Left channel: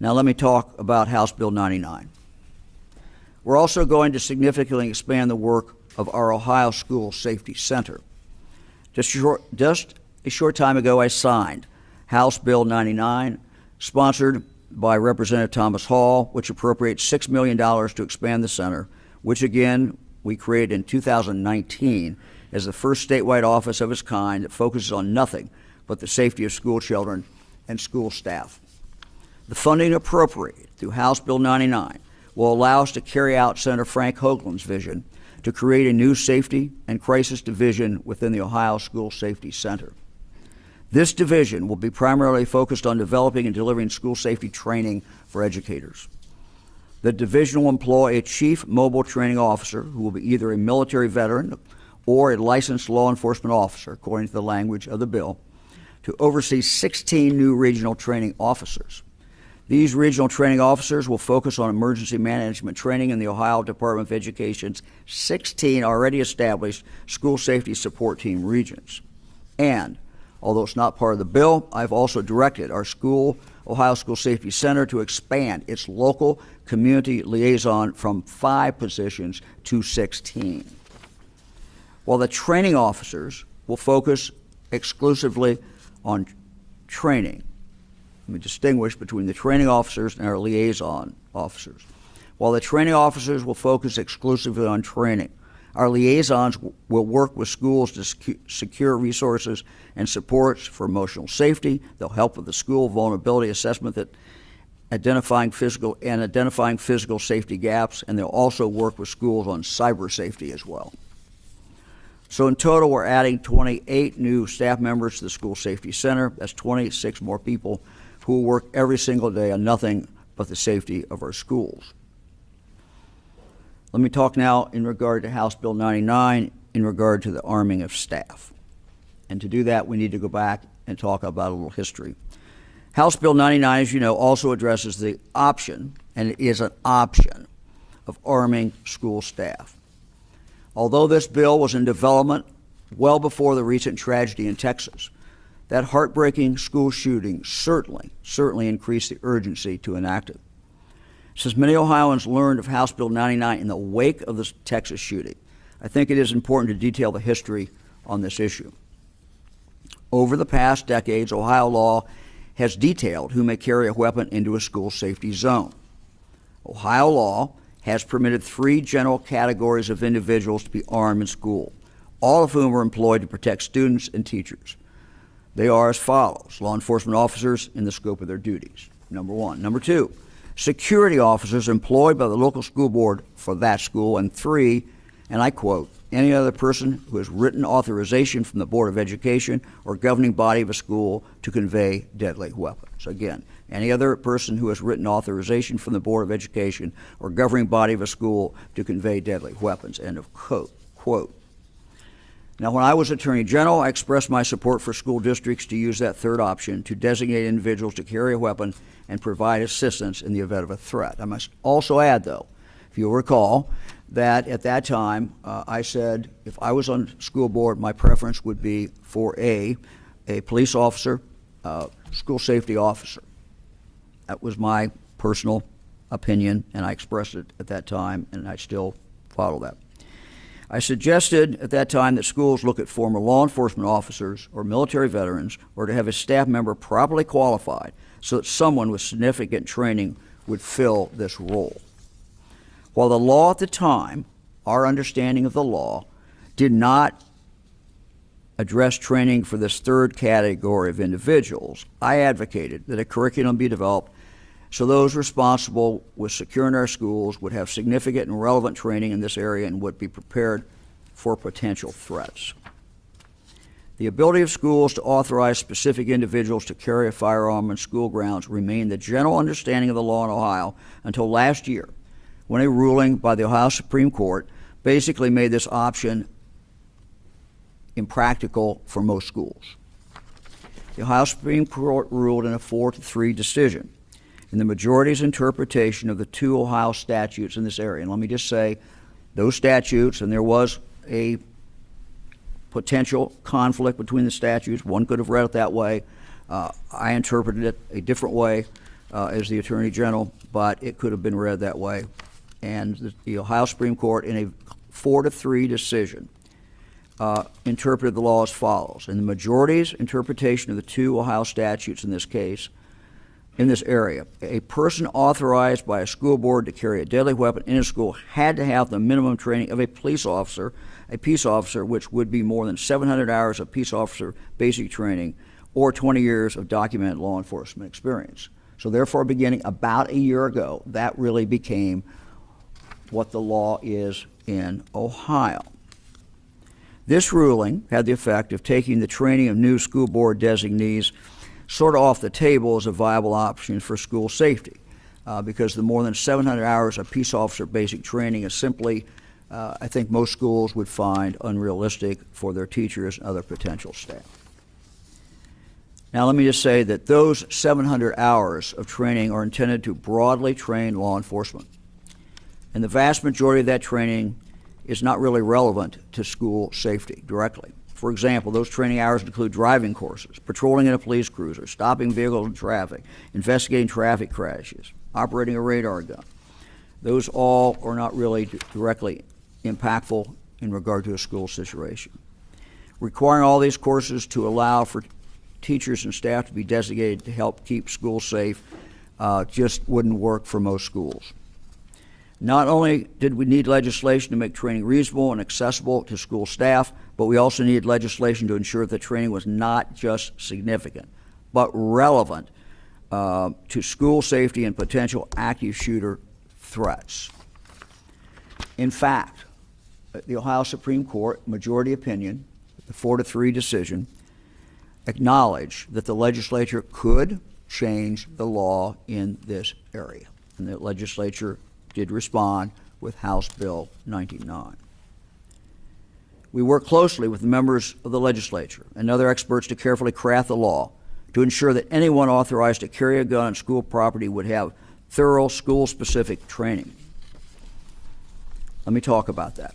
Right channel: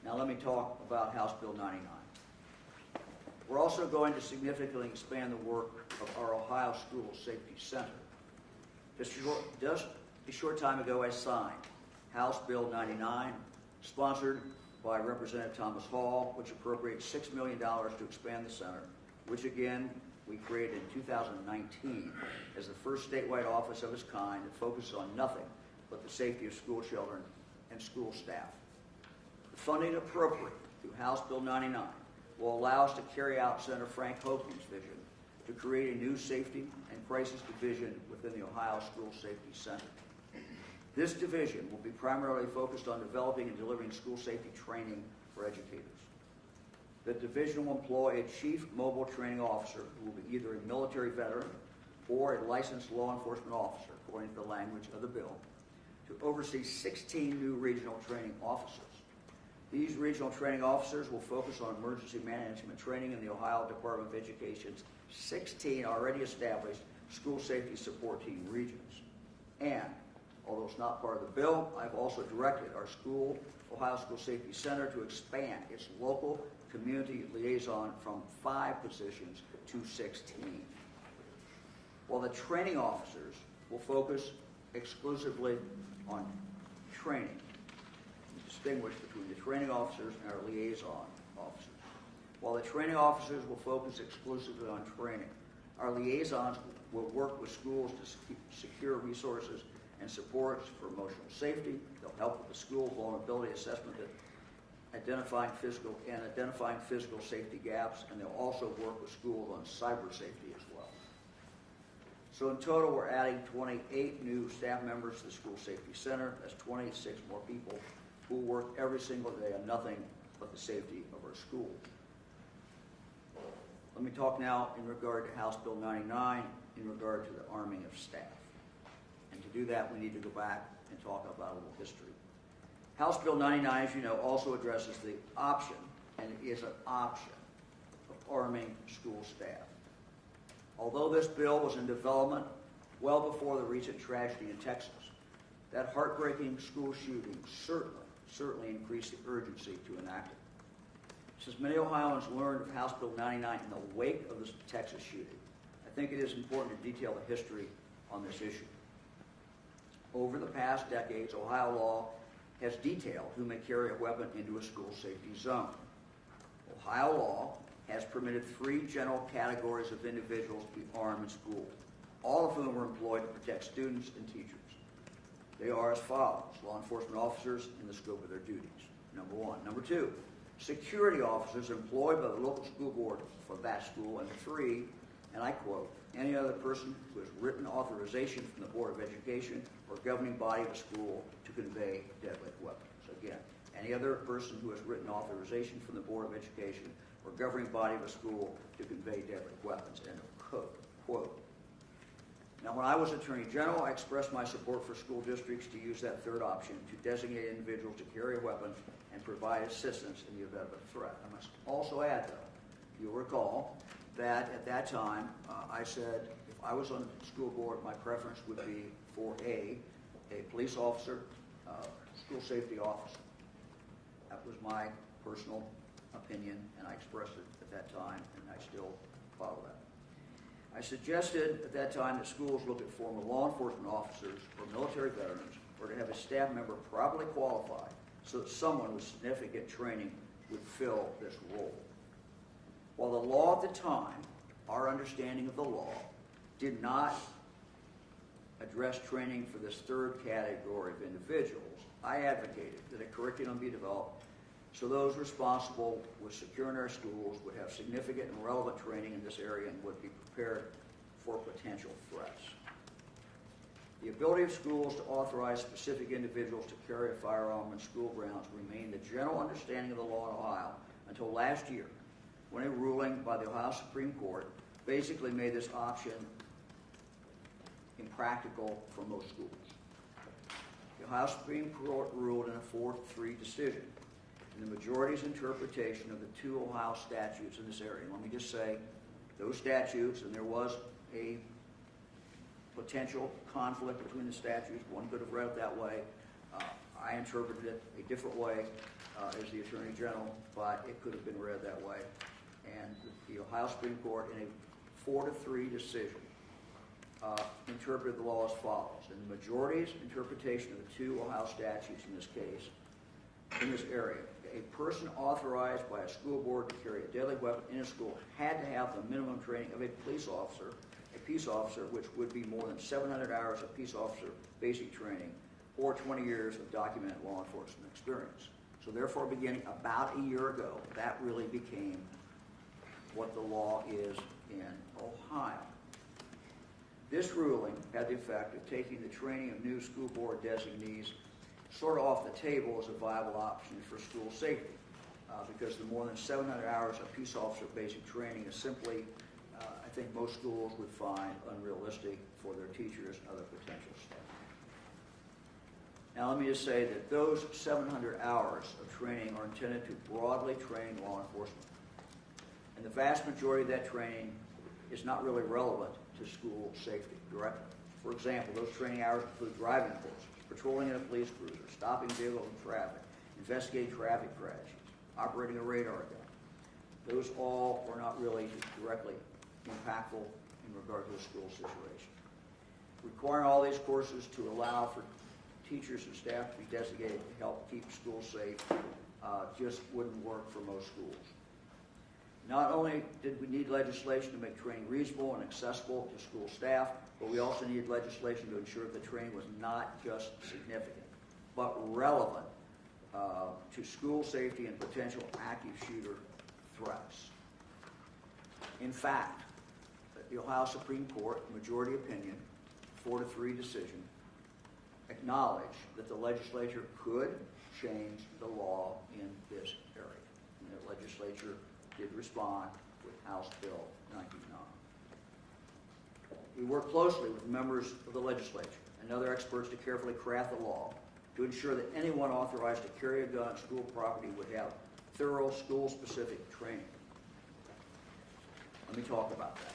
Now let me talk about House Bill 99. We're also going to significantly expand the work of our Ohio School Safety Center. Just a short time ago, I signed House Bill 99, sponsored by Representative Thomas Hall, which appropriates $6 million to expand the center, which again we created in 2019 as the first statewide office of its kind that focuses on nothing but the safety of school children and school staff. The funding appropriated through House Bill 99 will allow us to carry out Senator Frank Hoagland's vision to create a new safety and crisis division within the Ohio School Safety Center. This division will be primarily focused on developing and delivering school safety training for educators. The division will employ a chief mobile training officer who will be either a military veteran or a licensed law enforcement officer, according to the language of the bill, to oversee 16 new regional training officers. These regional training officers will focus on emergency management training in the Ohio Department of Education's 16 already established school safety support team regions. And, although it's not part of the bill, I've also directed our Ohio School Safety Center to expand its local community liaison from 5 positions to 16. While the training officers will focus exclusively on training, let me distinguish between the training officers and our liaison officers. While the training officers will focus exclusively on training, our liaisons will work with schools to secure resources and supports for emotional safety. They'll help with the school vulnerability assessment, that identifying physical safety gaps, and they'll also work with schools on cyber safety as well. So in total, we're adding 28 new staff members to the School Safety Center. That's 26 more people who will work every single day on nothing but the safety of our schools. Let me talk now in regard to House Bill 99 in regard to the arming of staff. And to do that, we need to go back and talk about a little history. House Bill 99, as you know, also addresses the option, and it is an option, of arming school staff. Although this bill was in development well before the recent tragedy in Texas, that heartbreaking school shooting certainly increased the urgency to enact it. Since many Ohioans learned of House Bill 99 in the wake of the Texas shooting, I think it is important to detail the history on this issue. Over the past decades, Ohio law has detailed who may carry a weapon into a school safety zone. Ohio law has permitted 3 general categories of individuals to be armed in school, all of whom are employed to protect students and teachers. They are as follows: law enforcement officers in the scope of their duties, number 1. Number 2, security officers employed by the local school board for that school. And 3, and I quote, any other person who has written authorization from the Board of Education or governing body of a school to convey deadly weapons. Again, any other person who has written authorization from the Board of Education or governing body of a school to convey deadly weapons, end of quote. Now, when I was Attorney General, I expressed my support for school districts to use that third option to designate individuals to carry a weapon and provide assistance in the event of a threat. I must also add, though, if you'll recall, that at that time I said if I was on the school board, my preference would be for a police officer, school safety officer. That was my personal opinion, and I expressed it at that time, and I still follow that. I suggested at that time that schools look at former law enforcement officers or military veterans, or to have a staff member properly qualified so that someone with significant training would fill this role. While the law at the time, our understanding of the law, did not address training for this third category of individuals, I advocated that a curriculum be developed so those responsible with securing our schools would have significant and relevant training in this area and would be prepared for potential threats. The ability of schools to authorize specific individuals to carry a firearm on school grounds remained the general understanding of the law in Ohio until last year, when a ruling by the Ohio Supreme Court basically made this option impractical for most schools. The Ohio Supreme Court ruled in a 4-3 decision in the majority's interpretation of the 2 Ohio statutes in this area. And let me just say, those statutes, and there was a potential conflict between the statutes. One could have read it that way. I interpreted it a different way. as the Attorney General, but it could have been read that way. And the Ohio Supreme Court, in a 4-3 decision, interpreted the law as follows. In the majority's interpretation of the two Ohio statutes in this case, in this area, a person authorized by a school board to carry a deadly weapon in a school had to have the minimum training of a peace officer, which would be more than 700 hours of peace officer basic training or 20 years of documented law enforcement experience. So therefore, beginning about a year ago, that really became what the law is in Ohio. This ruling had the effect of taking the training of new school board designees sort of off the table as a viable option for school safety, because the more than 700 hours of peace officer basic training is simply, I think most schools would find unrealistic for their teachers and other potential staff. Now let me just say that those 700 hours of training are intended to broadly train law enforcement. And the vast majority of that training is not really relevant to school safety directly. For example, those training hours include driving courses, patrolling in a police cruiser, stopping vehicles in traffic, investigating traffic crashes, operating a radar gun. Those all are not really directly impactful in regard to a school situation. Requiring all these courses to allow for teachers and staff to be designated to help keep schools safe just wouldn't work for most schools. Not only did we need legislation to make training reasonable and accessible to school staff, but we also needed legislation to ensure that training was not just significant, but relevant to school safety and potential active shooter threats. In fact, the Ohio Supreme Court, majority opinion, the 4-3 decision, acknowledged that the legislature could change the law in this area. And the legislature did respond with House Bill 99. We worked closely with the members of the legislature and other experts to carefully craft the law to ensure that anyone authorized to carry a gun on school property would have thorough school-specific training. Let me talk about that.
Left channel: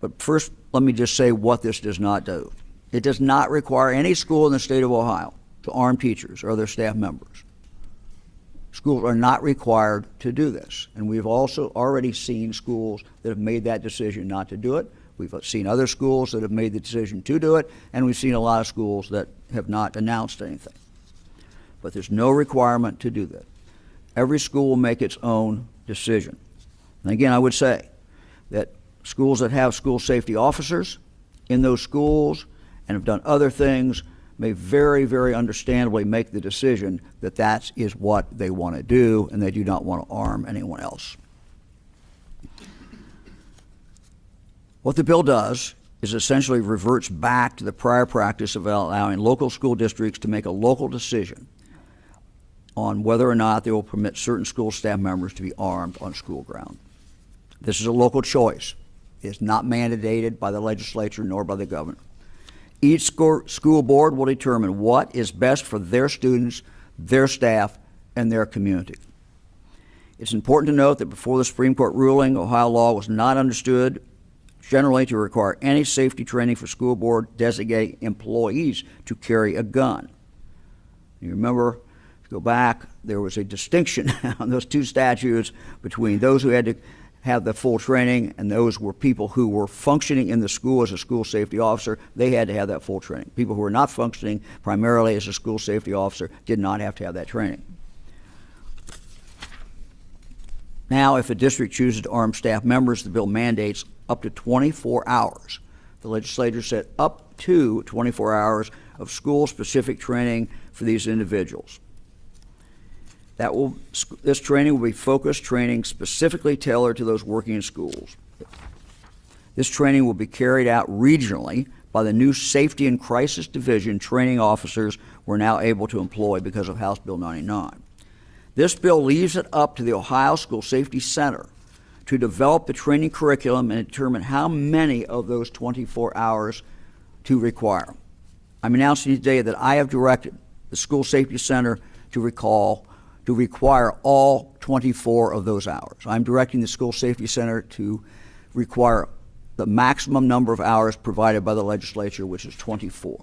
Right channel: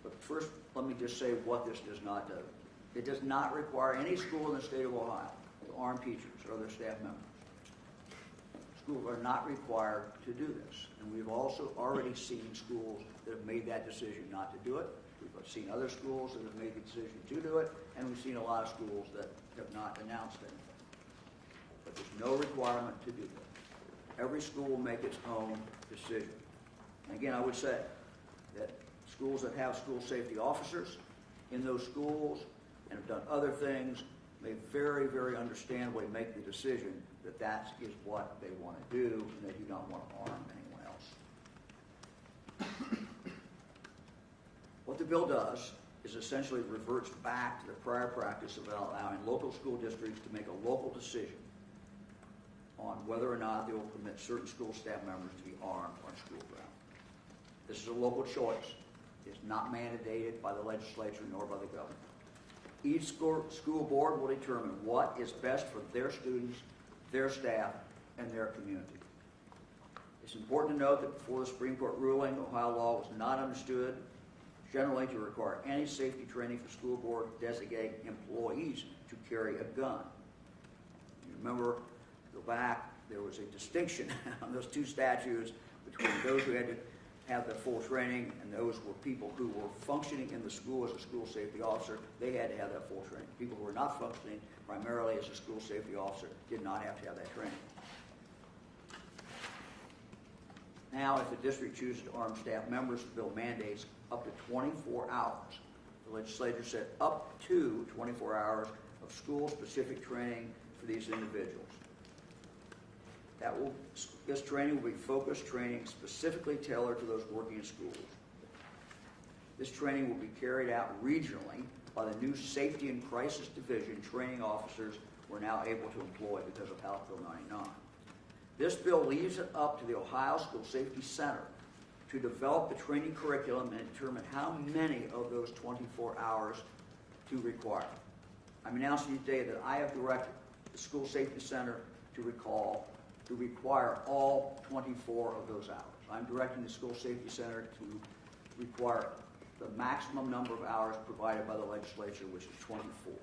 But first, let me just say what this does not do. It does not require any school in the state of Ohio to arm teachers or their staff members. Schools are not required to do this. And we've also already seen schools that have made that decision not to do it. We've seen other schools that have made the decision to do it, and we've seen a lot of schools that have not announced anything. But there's no requirement to do that. Every school will make its own decision. And again, I would say that schools that have school safety officers in those schools and have done other things may very, very understandably make the decision that that is what they want to do, and they do not want to arm anyone else. What the bill does is essentially reverts back to the prior practice of allowing local school districts to make a local decision on whether or not they will permit certain school staff members to be armed on school ground. This is a local choice. It is not mandated by the legislature nor by the governor. Each school board will determine what is best for their students, their staff, and their community. It's important to note that before the Supreme Court ruling, Ohio law was not understood generally to require any safety training for school board designated employees to carry a gun. You remember, go back, there was a distinction on those two statutes between those who had to have the full training, and those were people who were functioning in the school as a school safety officer. They had to have that full training. People who were not functioning primarily as a school safety officer did not have to have that training. Now, if a district chooses to arm staff members, the bill mandates up to 24 hours. The legislature said up to 24 hours of school-specific training for these individuals. This training will be focused training specifically tailored to those working in schools. This training will be carried out regionally by the new Safety and Crisis Division training officers we're now able to employ because of House Bill 99. This bill leaves it up to the Ohio School Safety Center to develop the training curriculum and determine how many of those 24 hours to require. I'm announcing today that I have directed the School Safety Center to require all 24 of those hours. I'm directing the School Safety Center to require the maximum number of hours provided by the legislature, which is 24.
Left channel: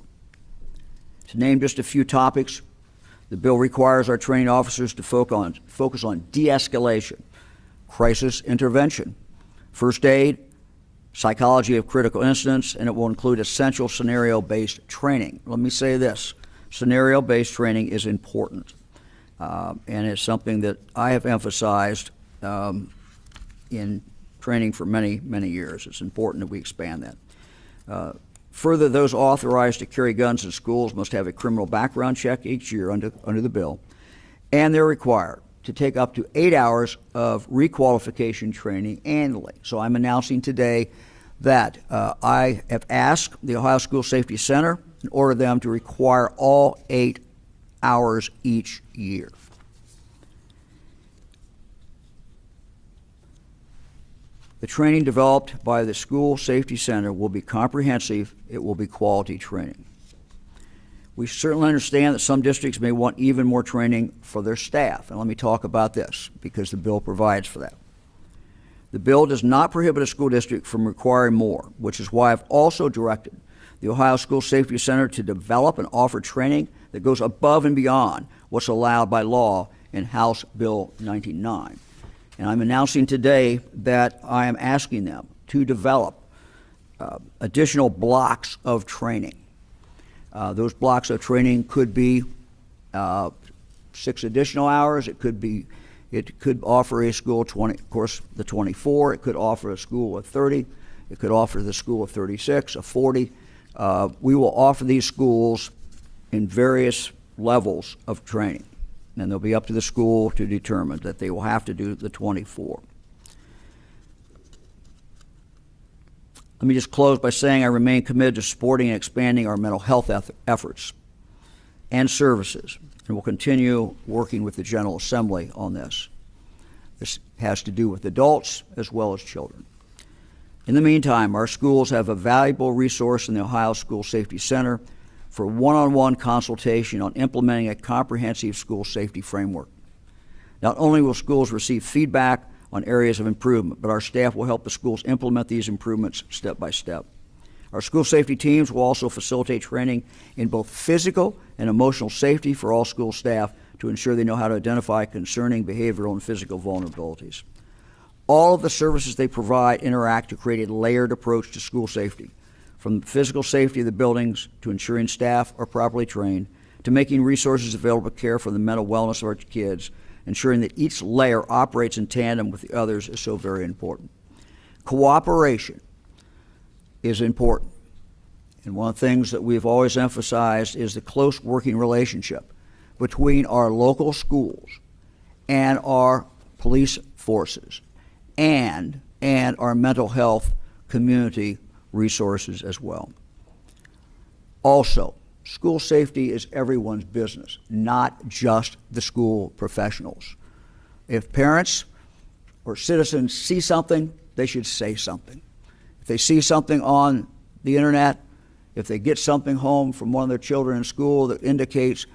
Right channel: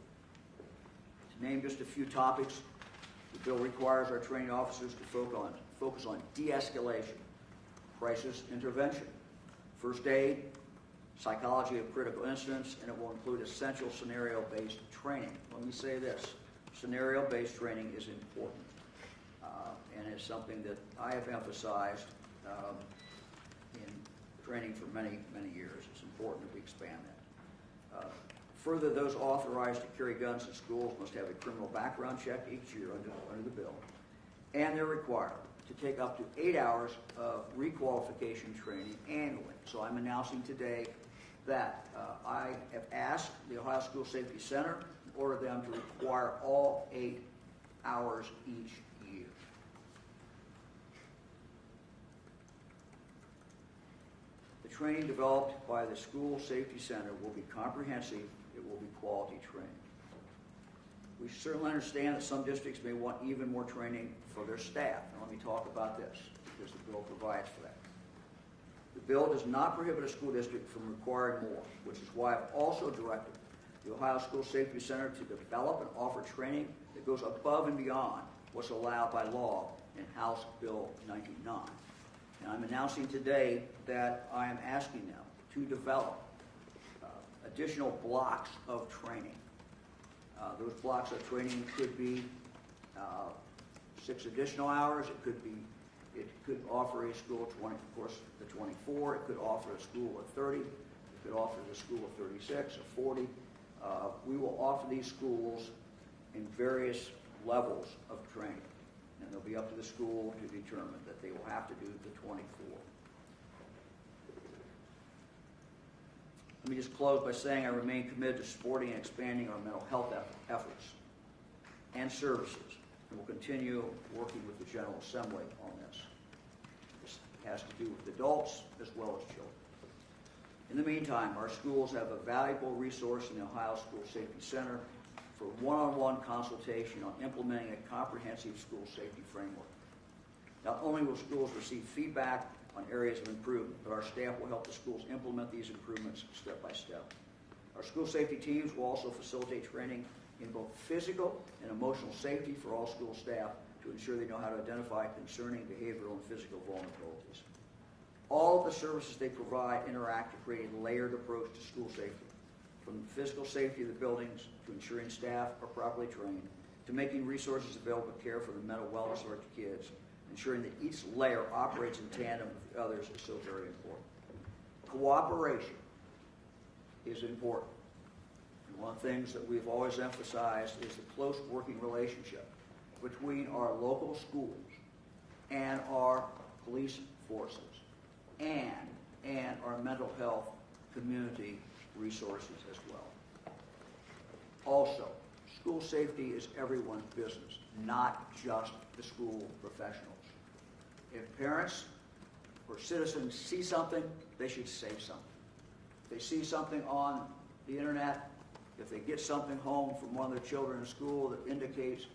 To name just a few topics, The bill requires our training officers to focus on de-escalation, crisis intervention, first aid, psychology of critical incidents, and it will include essential scenario-based training. Let me say this, scenario-based training is important, and it's something that I have emphasized in training for many, many years. It's important that we expand that. Further, those authorized to carry guns in schools must have a criminal background check each year under the bill, and they're required to take up to 8 hours of requalification training annually. So I'm announcing today that I have asked the Ohio School Safety Center and ordered them to require all 8 hours each year. The training developed by the School Safety Center will be comprehensive. It will be quality training. We certainly understand that some districts may want even more training for their staff, and let me talk about this because the bill provides for that. The bill does not prohibit a school district from requiring more, which is why I've also directed the Ohio School Safety Center to develop and offer training that goes above and beyond what's allowed by law in House Bill 99. And I'm announcing today that I am asking them to develop additional blocks of training. Those blocks of training could be 6 additional hours. It could offer a school 20, of course, the 24. It could offer a school of 30. It could offer the school of 36, of 40. We will offer these schools in various levels of training, and they'll be up to the school to determine that they will have to do the 24. Let me just close by saying I remain committed to supporting and expanding our mental health efforts and services, and will continue working with the General Assembly on this. This has to do with adults as well as children. In the meantime, our schools have a valuable resource in the Ohio School Safety Center for one-on-one consultation on implementing a comprehensive school safety framework. Not only will schools receive feedback on areas of improvement, but our staff will help the schools implement these improvements step by step. Our school safety teams will also facilitate training in both physical and emotional safety for all school staff to ensure they know how to identify concerning behavioral and physical vulnerabilities. All of the services they provide interact to create a layered approach to school safety, from the physical safety of the buildings to ensuring staff are properly trained, to making resources available to care for the mental wellness of our kids. Ensuring that each layer operates in tandem with the others is so very important. Cooperation is important. And one of the things that we've always emphasized is the close working relationship between our local schools and our police forces and our mental health community resources as well. Also, school safety is everyone's business, not just the school professionals. If parents or citizens see something, they should say something. If they see something on the internet, if they get something home from one of their children in school that indicates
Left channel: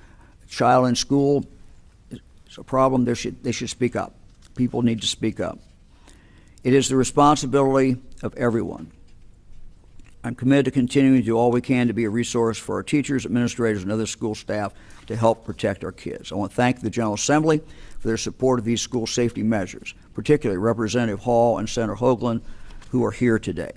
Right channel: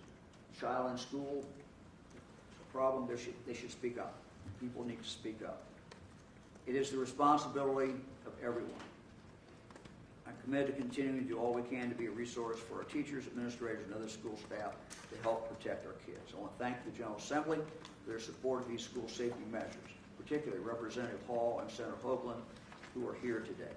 a child in school is a problem, they should speak up. People need to speak up. It is the responsibility of everyone. I'm committed to continuing to do all we can to be a resource for our teachers, administrators, and other school staff to help protect our kids. I want to thank the General Assembly for their support of these school safety measures, particularly Representative Hall and Senator Hoagland, who are here today.